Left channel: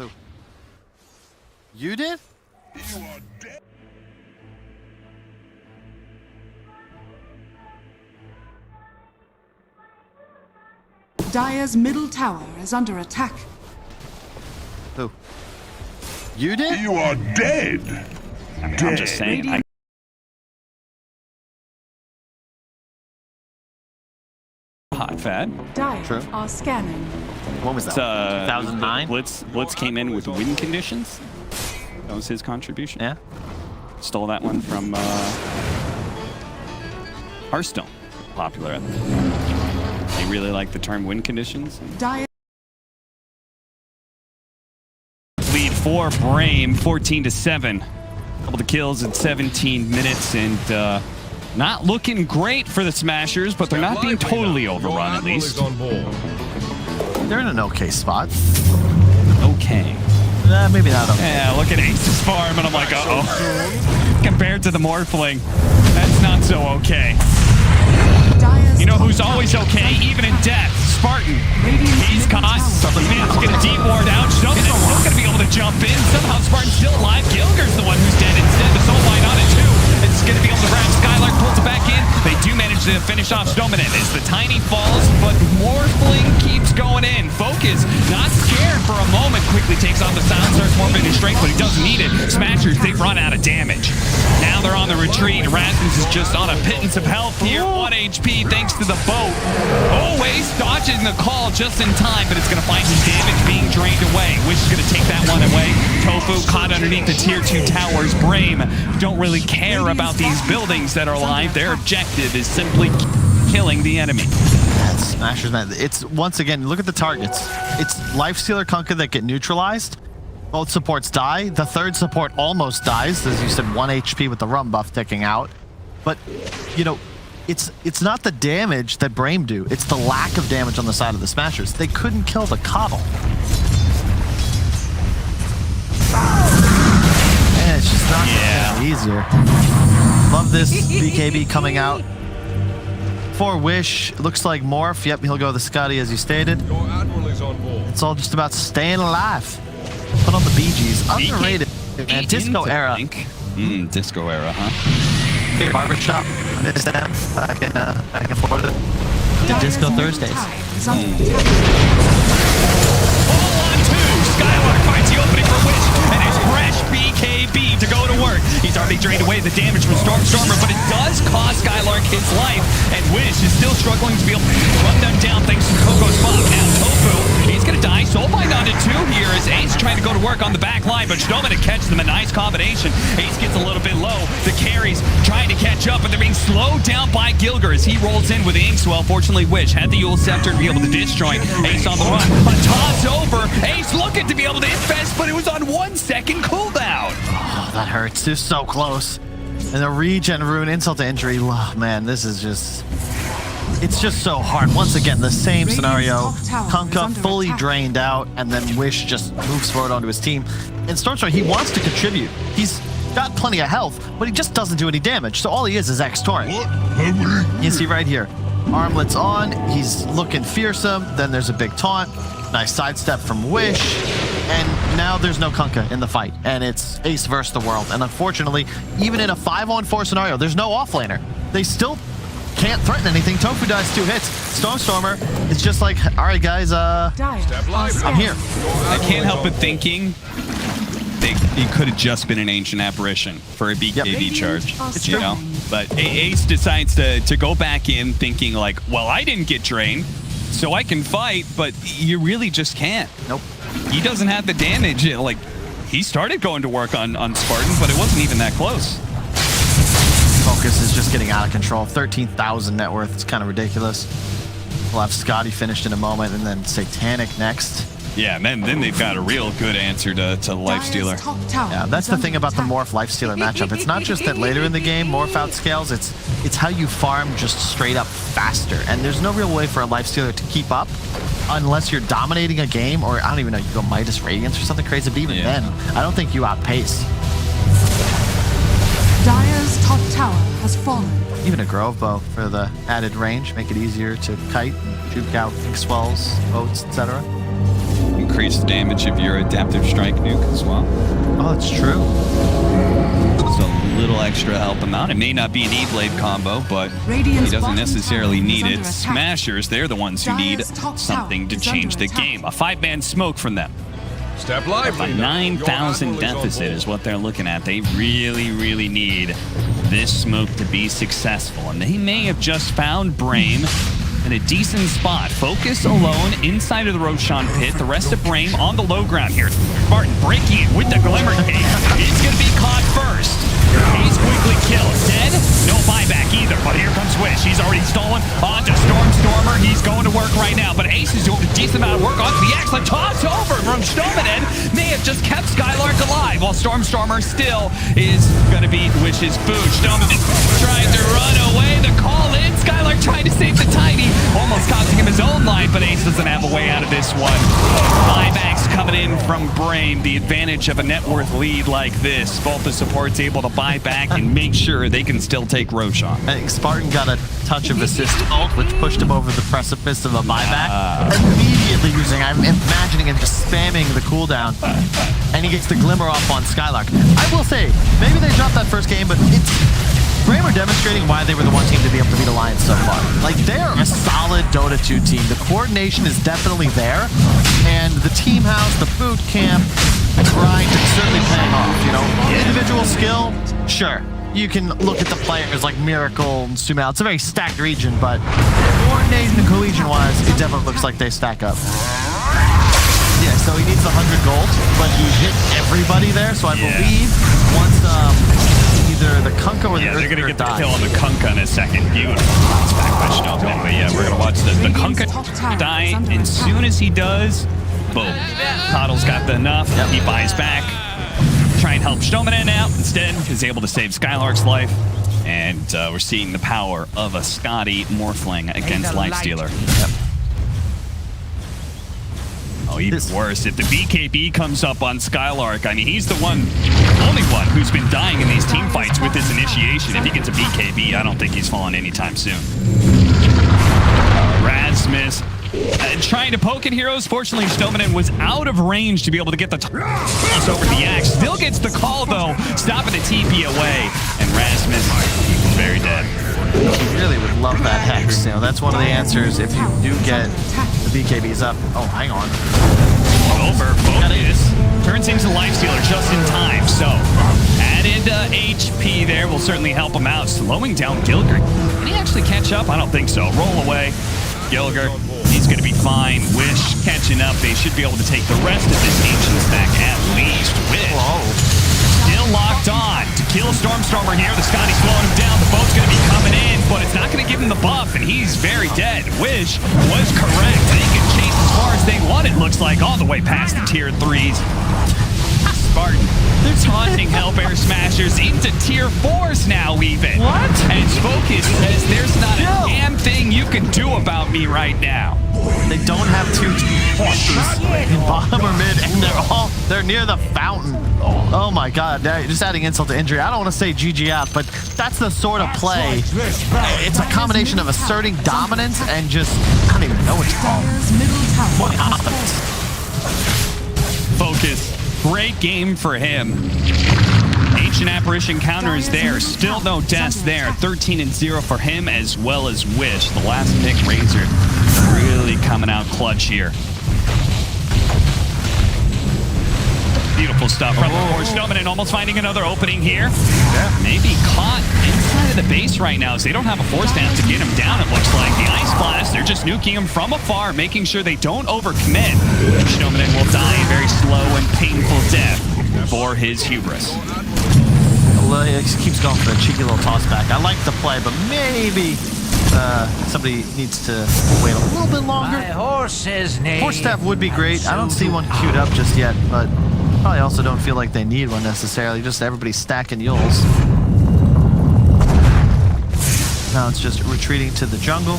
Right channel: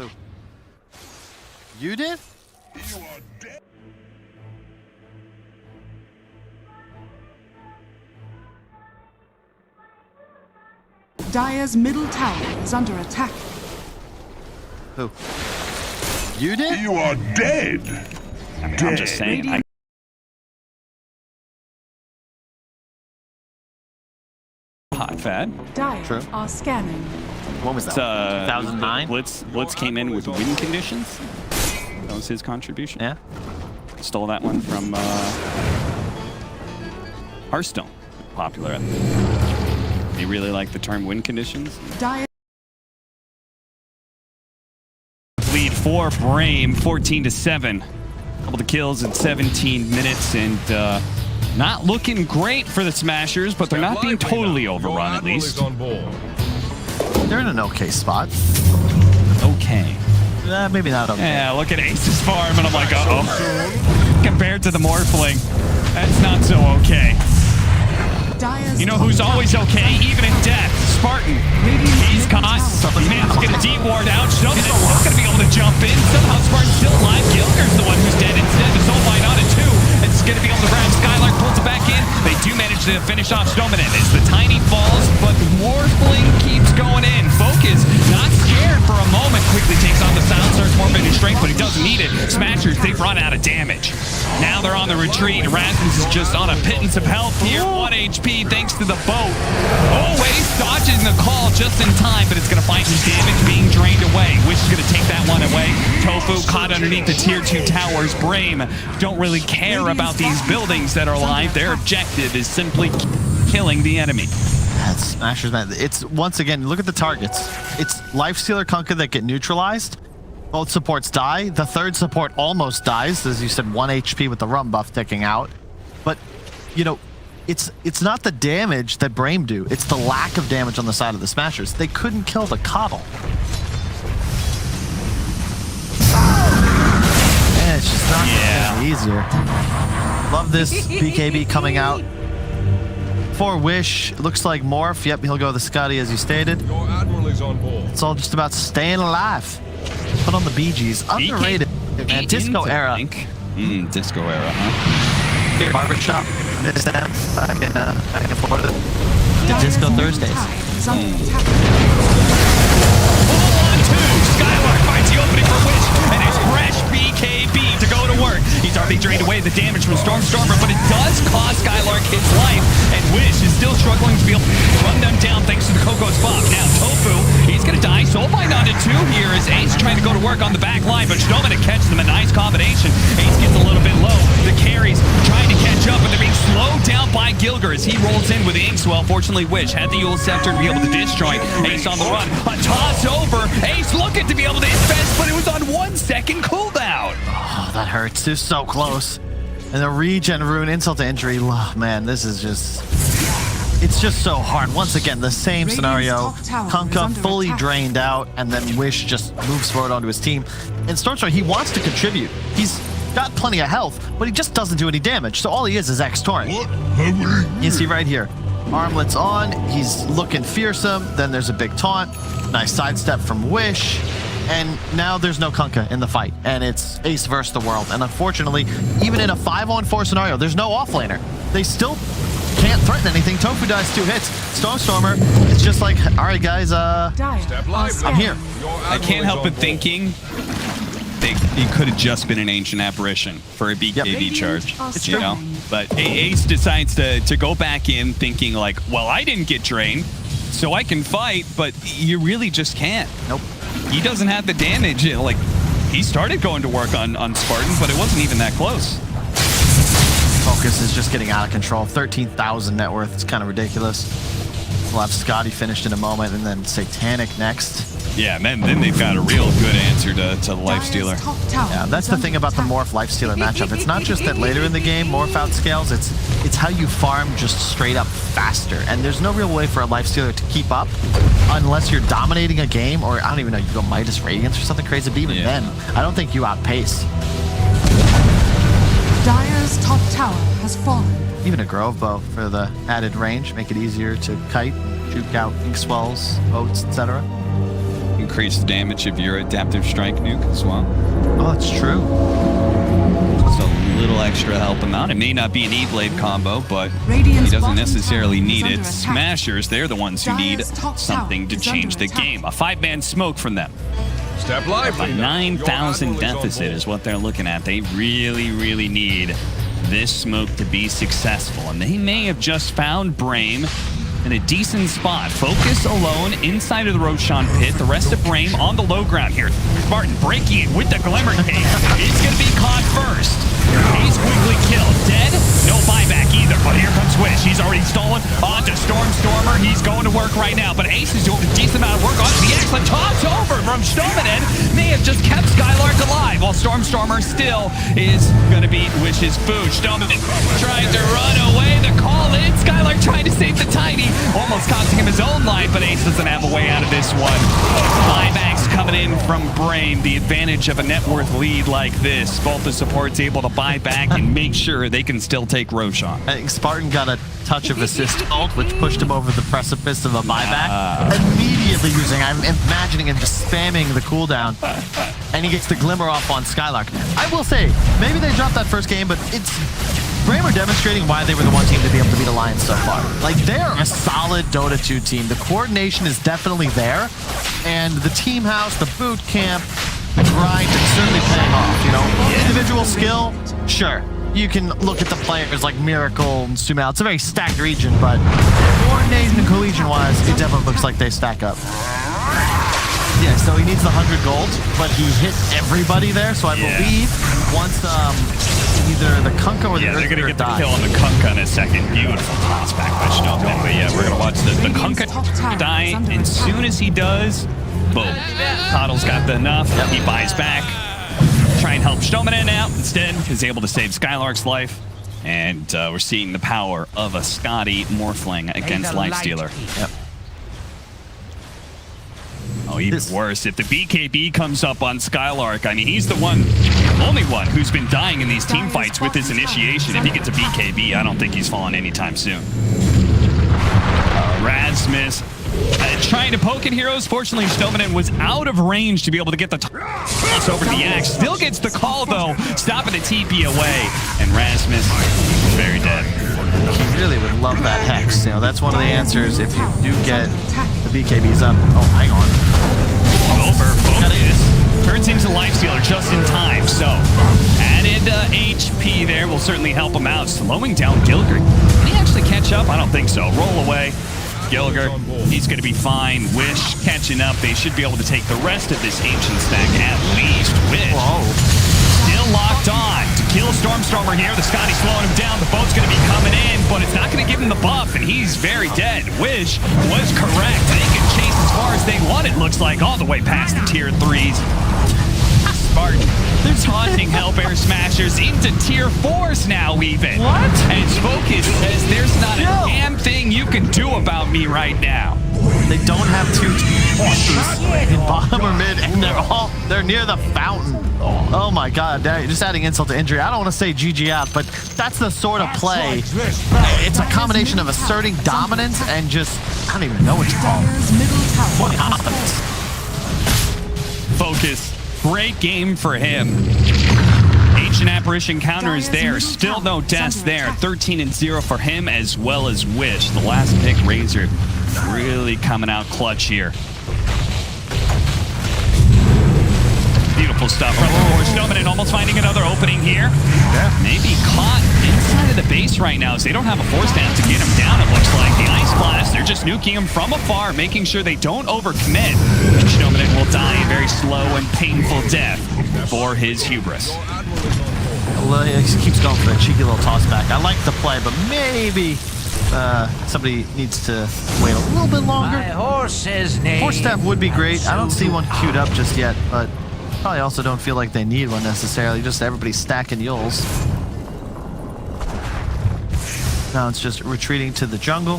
Who? You did? You are dead. Dire's middle tower is under attack. Who? You did? You are dead. I'm just saying. Hot fat. Dire True. are scanning. When was that? 2009? Blitz came in with win conditions. That was his contribution. Yeah. Stole that one from Hearthstone. Popular. They really like the term win conditions. Dire Lead for Brame, 14-7. Couple of kills in 17 minutes, and not looking great for the Smashers, but they're not being totally overrun, at least. They're in an okay spot. Okay. Maybe not okay. Yeah, look at Ace's farm, and I'm like, uh-oh. Compared to the Morphling, that's not so okay. Dire's You know who's always okay, even in death? Spartan. He's caught. He managed to get a deep ward out. Snowman's still going to be able to jump in. Somehow Spartan's still alive. Gilger's the one who's dead instead. The Soul Bind on it too. It's going to be able to grab Skylark, pulls it back in. They do manage to finish off Snowman as the Tiny falls, but Morphling keeps going in. Focus, not scared for a moment, quickly takes on the Silencer. It's more of his strength, but he doesn't need it. Smashers, they've run out of damage. Now they're on the retreat. Rasmus is just on a pittance of health here. 1 HP thanks to the boat. Oh, Ace dodging the call just in time, but it's going to find his damage being drained away. Wish is going to take that one away. Tofu caught underneath the tier 2 towers. Brame don't really care about these buildings that are alive. Their objective is simply killing the enemy. That's Smashers, man. It's, once again, look at the targets. It's Lifestealer, Kunkka that get neutralized. Both supports die. The third support almost dies. As you said, 1 HP with the rum buff ticking out. But, you know, it's not the damage that Brame do. It's the lack of damage on the side of the Smashers. They couldn't kill the Coddle. Man, it's just not getting easier. Love this BKB coming out. For Wish, looks like Morph. Yep, he'll go the Scotty as you stated. Your admiral is on board. It's all just about staying alive. Put on the Bee Gees. Underrated. Man, Disco Era. Disco Era, huh? Barbershop. Miss them back in Florida. Disco Thursdays. All on 2. Skylark finds the opening for Wish, and it's fresh BKB to go to work. He's already drained away the damage from Stormer, but it does cost Skylark his life, and Wish is still struggling to be able to run them down thanks to the Coco's buff. Now Tofu, he's going to die. Soulbind on it too here as Ace trying to go to work on the back line, but Snowman catches them. A nice combination. Ace gets a little bit low. The carries trying to catch up, but they're being slowed down by Gilger as he rolls in with Inkswell. Fortunately, Wish had the Yule Scepter to be able to destroy Ace on the run. A toss over. Ace looking to be able to infest, but it was on 1 second cooldown. Oh, that hurts. They're so close. And the regen rune, insult to injury. Oh, man, this is just... It's just so hard. Once again, the same scenario. Kunkka fully drained out, and then Wish just moves forward onto his team. And Stormstorm, he wants to contribute. He's got plenty of health, but he just doesn't do any damage. So all he is X Torrent. You see right here. Armlets on. He's looking fearsome. Then there's a big taunt. Nice sidestep from Wish. And now there's no Kunkka in the fight. And it's Ace versus the world. And unfortunately, even in a 5-on-4 scenario, there's no offlaner. They still can't threaten anything. Tofu does 2 hits. Stormstormer, it's just like, all right, guys, I'm here. I can't help but thinking it could have just been an ancient apparition for a BKB charge, you know? But Ace decides to go back in thinking like, well, I didn't get drained, so I can fight, but you really just can't. Nope. He doesn't have the damage. Like, he started going to work on Spartan, but it wasn't even that close. Focus is just getting out of control. 13,000 net worth. It's kind of ridiculous. We'll have Scotty finished in a moment, and then Satanic next. Yeah, and then they've got a real good answer to Lifestealer. Yeah, that's the thing about the Morph Lifestealer matchup. It's not just that later in the game Morph outscales, it's how you farm just straight up faster. And there's no real way for a Lifestealer to keep up unless you're dominating a game, or I don't even know, you go Midas Radiance or something crazy, but even then, I don't think you outpace. Dire's top tower has fallen. Even a Grove Bow for the added range, make it easier to kite and juke out Inkswells, boats, etc. increase the damage of your adaptive strike nuke as well. Oh, it's true. So a little extra help him out. It may not be an E-Blade combo, but Radiant's he doesn't bottom necessarily tower is need under it. attack. Smashers, they're the ones who need Dire's top something to tower is change under the attack. game. A 5-man smoke from them. Step A lively. 9,000 deficit is what they're looking at. They really, really need this smoke to be successful. And they may have just found Brame in a decent spot. Focus alone inside of the Roshan pit. The rest of Brame on the low ground here. Spartan breaking it with the Glimmer Cape. He's going to be caught first. He's quickly killed. Dead? No buyback either. But here comes Wish. He's already stolen onto Stormer. He's going to work right now. But Ace is doing a decent amount of work onto the X. Tossed over from Stominen. May have just kept Skylark alive while Stormer still is going to beat Wish's food. Stominen trying to run away. The call in. Skylark trying to save the Tiny. Almost costing him his own life, but Ace doesn't have a way out of this one. Buybacks coming in from Brame. The advantage of a net worth lead like this. Both the supports able to buy back and make sure they can still take Roshan. I think Spartan got a touch of assist ult, which pushed him over the precipice of a buyback. Immediately using, I'm imagining him just spamming the cooldown, and he gets the glimmer off on Skylark. I will say, maybe they dropped that first game, but it's Brame are demonstrating why they were the one team to be able to beat Alliance so far. Like, they're a solid Dota 2 team. The coordination is definitely there, and the team house, the boot camp, the grind is certainly paying off, you know? Individual skill, sure. You can look at the players like Miracle and Sumail. It's a very stacked region, but coordination and cohesion-wise, it definitely looks like they stack up. Yeah, so he needs the 100 gold, but he hit everybody there, so I believe once either the Kunkka or the they're going to get the die. kill on the Kunkka in a second. Beautiful. It's back by Stominen. But yeah, we're going to watch the Radiant's top Kunkka tower die, is under and attack. soon as he does, boom. Toddle's got the enough. Yep. He buys back. Try and help Stominen out. Instead, he's able to save Skylark's life. And we're seeing the power of a Scotty Morphling against Lightstealer. Yep. Oh, even worse. If the BKB comes up on Skylark, I mean, he's the only one who's been dying in these team fights with his initiation. If he gets a BKB, I don't think he's falling anytime soon. Rasmus trying to poke at heroes. Fortunately, Stominen was out of range to be able to get the toss over the axe. Still gets the call, though, stopping the TP away. And Rasmus very dead. He really would love that Hex. You know, that's one of the answers if you do get the BKBs up. Oh, hang on. Over focus. Turns into Lifestealer just in time. So, added HP there will certainly help him out. Slowing down Gilgr. Can he actually catch up? I don't think so. Roll away. Gilgr, he's going to be fine. Wish catching up. They should be able to take the rest of this ancient stack at least. Wish. Still locked on to kill Stormer here. The Scotty slowing him down. The boat's going to be coming in, but it's not going to give him the buff, and he's very dead. Wish was correct. They can chase as far as they want, it looks like, all the way past the tier 3s. Spartan, they're taunting Hellbear Smashers into tier 4s now, even. What? And Focus says there's not a damn thing you can do about me right now. They don't have two forces in bottom or mid, and they're near the fountain. Oh my god, they're just adding insult to injury. I don't want to say GG out, but that's the sort of play. It's a combination of asserting dominance and just, I don't even know what to call it. Dire's middle tower What has happens? Focus. Great game for him. Ancient Apparition counter is there. Still no deaths there. 13-0 for him as well as Wish. The last pick, Razor, really coming out clutch here. Beautiful stuff. Stominen almost finding another opening here. Yeah. Maybe caught inside of the base right now, so they don't have a force down to get him down, it looks like. The Ice Blast, they're just nuking him from afar, making sure they don't overcommit. And Stominen will die a very slow and painful death for his hubris. Well, he keeps going for the cheeky little toss back. I like the play, but maybe somebody needs to wait a little bit longer. My horse's name. Force staff would be great. I don't see one queued up just yet, but probably also don't feel like they need one necessarily. Just everybody stacking Yules. Now it's just retreating to the jungle.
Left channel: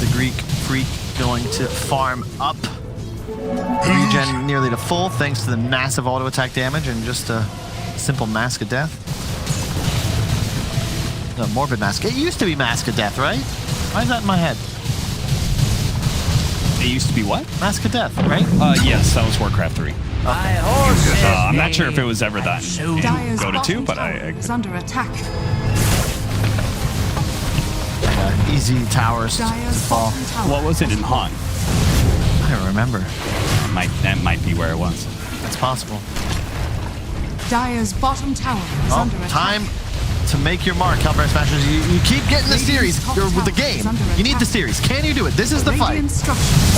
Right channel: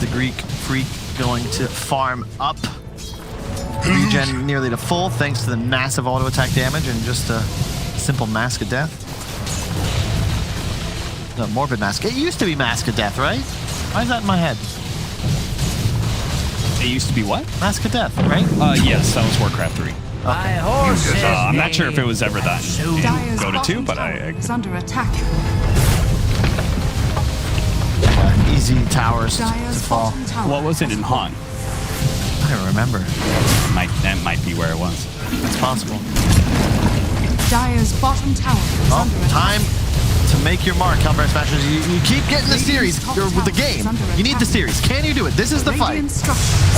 The Greek Freak going to farm up. Regen nearly to full thanks to the massive auto attack damage and just a simple Mask of Death. No, Morbid Mask. It used to be Mask of Death, right? Why is that in my head? It used to be what? Mask of Death, right? Yes, that was Warcraft 3. I'm not sure if it was ever that in Dire's DOTA 2, bottom but tower I is under attack. Easy towers to Dire's fall. bottom tower. what was it in Han? I don't remember. That might be where it was. It's possible. Dire's bottom tower is Oh, under attack. time to make your mark, Hellbear Smashers. You keep getting the series or with the game. You need the series. Can you do it? This is the fight. Radiant structures.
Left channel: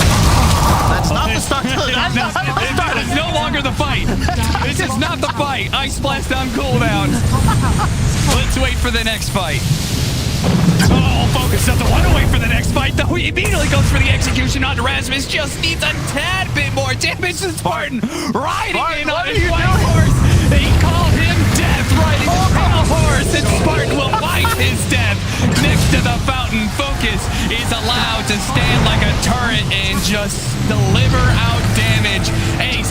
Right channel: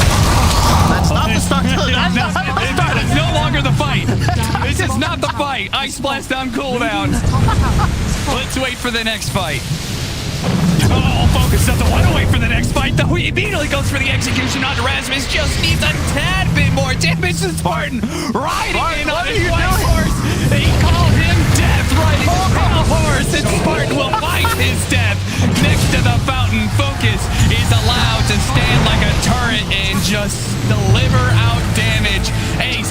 That's not the start. That's not the start. It's no longer the fight. This is not the fight. Ice Blast on cooldown. Radiant's top tower is falling. Let's wait for the next fight. Oh, Focus doesn't want to wait for the next fight, though. He immediately goes for the execution on Erasmus. Just needs a tad bit more damage than Spartan. Riding in on his white horse. They call him Death, riding his pale horse, and Spartan will fight his death. Next to the fountain, Focus is allowed to stand like a turret and just deliver out damage. Ace,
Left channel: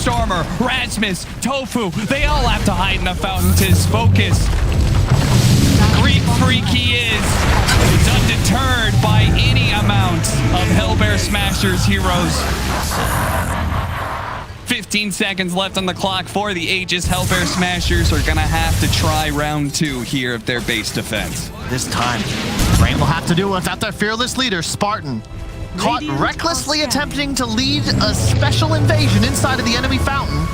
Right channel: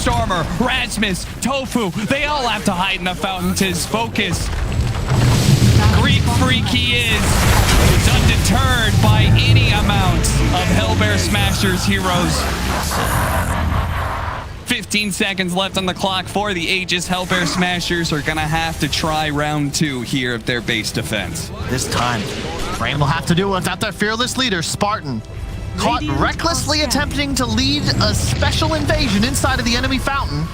Stormer, Rasmus, Tofu, they all have to hide in the fountain to Focus. Greek freak he is undeterred by any amount of Hellbear Smashers heroes. 15 seconds left on the clock for the Aegis. Hellbear Smashers are gonna have to try round 2 here of their base defense. This time, Brain will have to do it without their fearless leader, Spartan. Caught Radiant recklessly are attempting to lead a special invasion inside of the enemy fountain.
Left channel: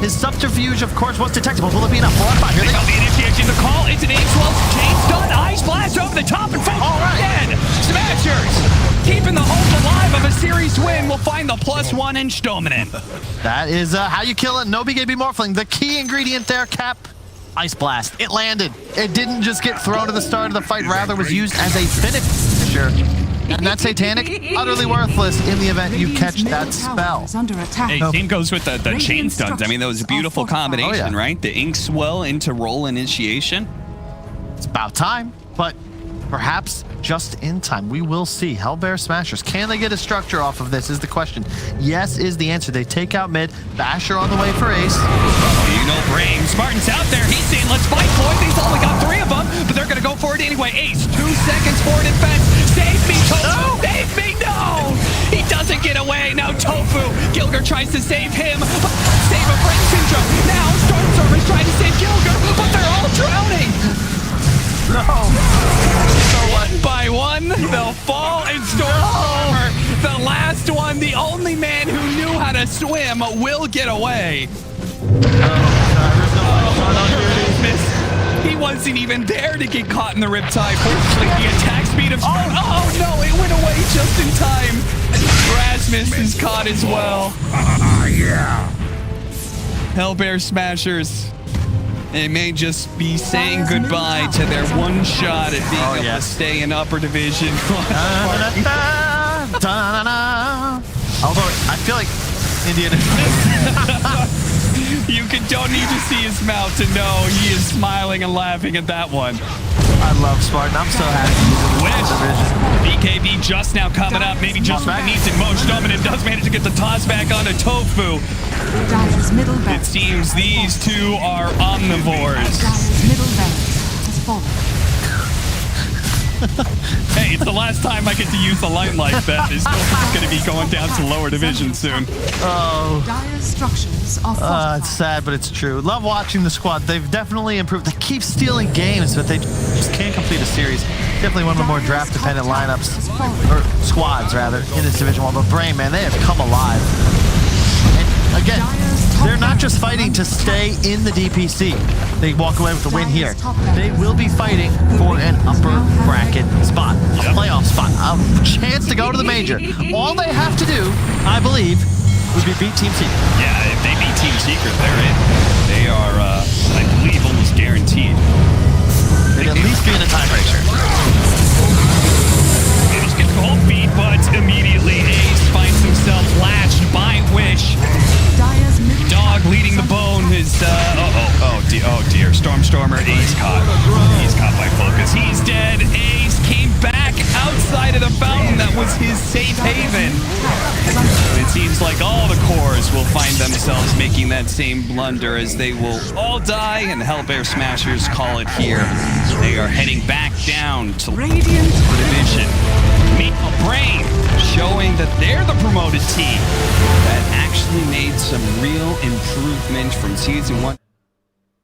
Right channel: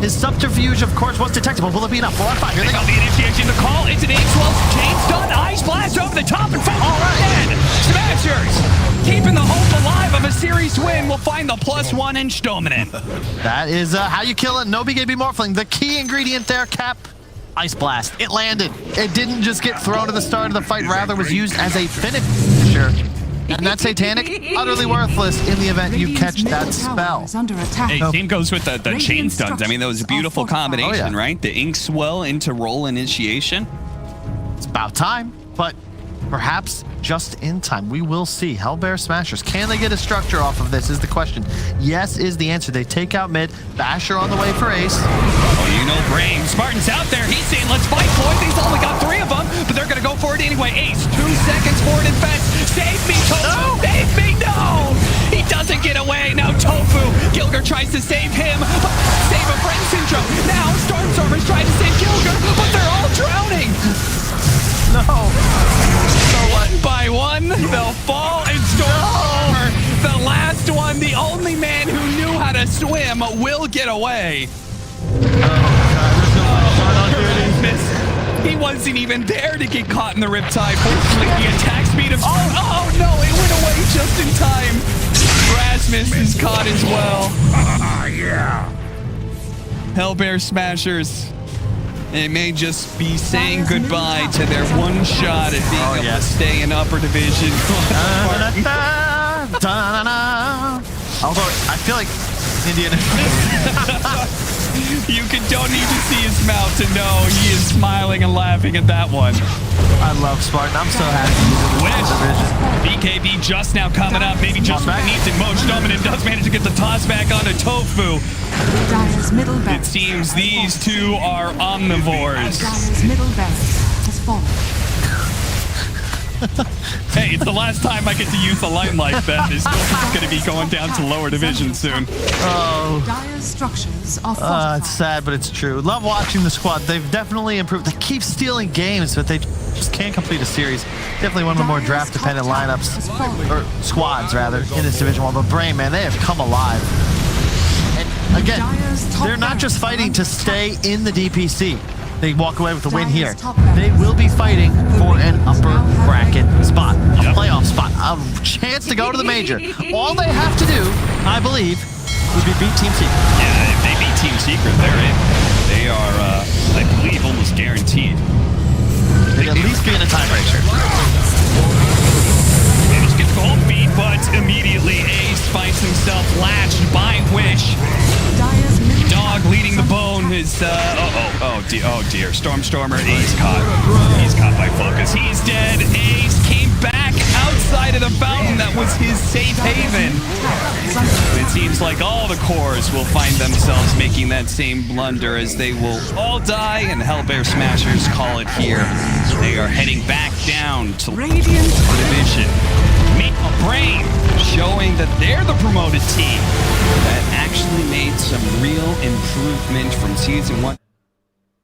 His subterfuge, of course, was detectable. Will it be enough? 4 on 5. Here They they go. got the initiation, the call. It's an Ace-12 chain stun. Ice Blast over the top and Focus dead. Smashers keeping the hope alive of a series win. Will find the +1 inch dominant. That is how you kill it. No BKB Morphling. The key ingredient there, Cap. Ice Blast. It landed. It didn't just get thrown at the start of the fight. Rather, was used as a finisher. And that Satanic, utterly worthless in the event you catch that spell. Is under attack. Hey, same goes with the chain stuns. I mean, that was a beautiful combination, Oh, yeah. right? The Ink Swell into roll initiation. It's about time, but perhaps just in time. We will see. Hellbear Smashers. Can they get a structure off of this is the question. Yes is the answer. They take out mid. Basher on the way for Ace. Oh, you know Brain. Spartan's out there. He's saying, let's fight, boys. He's only got 3 of them, but they're going to go for it anyway. Ace, 2 seconds forward in fence. Save me, Tofu. No. Save me. No. He doesn't get away. Now Tofu. Gilger tries to save him. Save a friend syndrome. Now Stormstormer's trying to save Gilger, but they're all drowning. No. One by one, they'll fall, and Stormstormer, the last one, the only man who knew how to swim, will get away. He wasn't even there to get caught in the riptide. Fortunately, the attack speed of Spartan. Oh no, it went away just in time. Rasmus is caught as well. Yeah. Hellbear Smashers. They may just be saying goodbye to their one shot at being able to stay in upper division. Although I feel like Indian. Don't need to see his mouth to know he is smiling and laughing at that one. I love Spartan. I'm so happy he's in Wish. this division. BKB just now coming up. Maybe just needs it. Moj Dominant does manage to get the toss back onto Tofu. Dire's middle barracks. It seems these two are omnivores. Dire's middle barracks has fallen. Hey, it's the last time I get to use a line like that. This is going to be going down to lower division soon. Oh. Dire's structures are fortified. It's sad, but it's true. Love watching the squad. They've definitely improved. They keep stealing games, but they just can't complete a series. Definitely one of the more draft-dependent lineups, or squads, rather, in this Division 1. But Brain, man, they have come alive. And again, they're not just fighting to stay in the DPC. They walk away with the win here. They will be fighting for an upper bracket spot, a playoff spot, a chance to go to the major. All they have to do, I believe, would be beat Team Secret. Yeah, if they beat Team Secret, they're in. They are, I believe, almost guaranteed. They'd at least be in a tiebreaker. Managed to get the cold feet, but immediately Ace finds himself latched by Wish. Dire's middle Dog leading the bone is, oh dear. Stormstormer, Ace caught. He's caught by Focus. He's dead. Ace came back outside of the fountain that was his safe haven. It seems like all the cores will find themselves making that same blunder as they will all die, and Hellbear Smashers call it here. They are heading back down to Radiant division. Meet A brain showing that they're the promoted team that actually made some real improvement from season 1.